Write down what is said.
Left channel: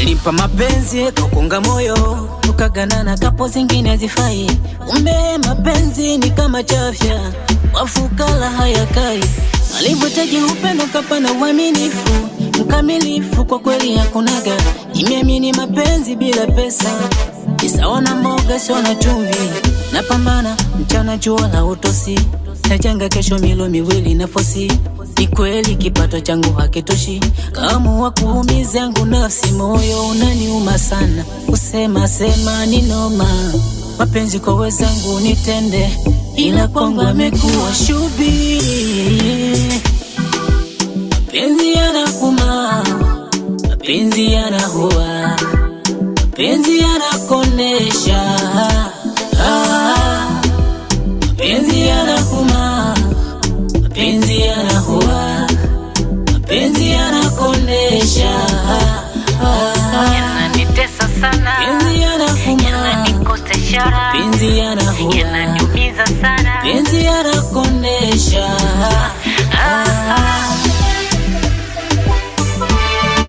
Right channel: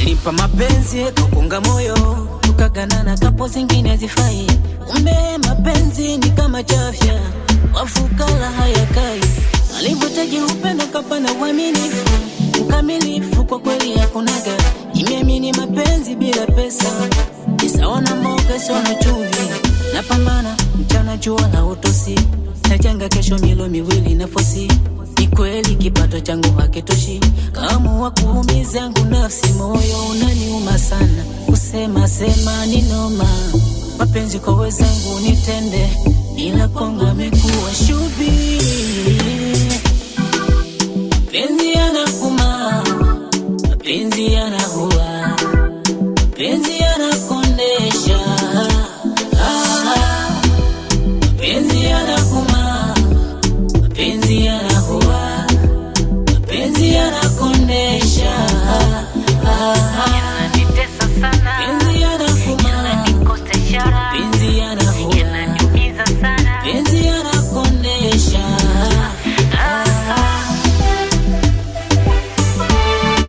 Nilimpa mapenzi kakunga moyo, tukaganana kapo zingine zifai. Umbe mapenzi ni kama chafya, wafukala hayakai. Alivyotaji upendo kapana uaminifu, mkamilifu kwa kweli hakunaga. Nimeamini mapenzi bila pesa, isawa na mboga sio na chumvi. Napambana mchana jua la utosi, nachanga kesho milo miwili na fosi. Ni kweli kipato changu hakitoshi, kama kuumiza yangu nafsi, moyo unaniuma sana. Kusema sema ni noma, mapenzi kwa wezangu nitende, ila kwangu amekuwa shubiri. Mapenzi yanakuma, mapenzi yanahua, mapenzi yanakondesha. Mapenzi yanakuma, mapenzi yanahua, mapenzi yanakondesha. Yananitesa sana, Mapenzi yanakuma, yananikosesha, mapenzi yanahua, yananiumiza sana. mapenzi yanahua.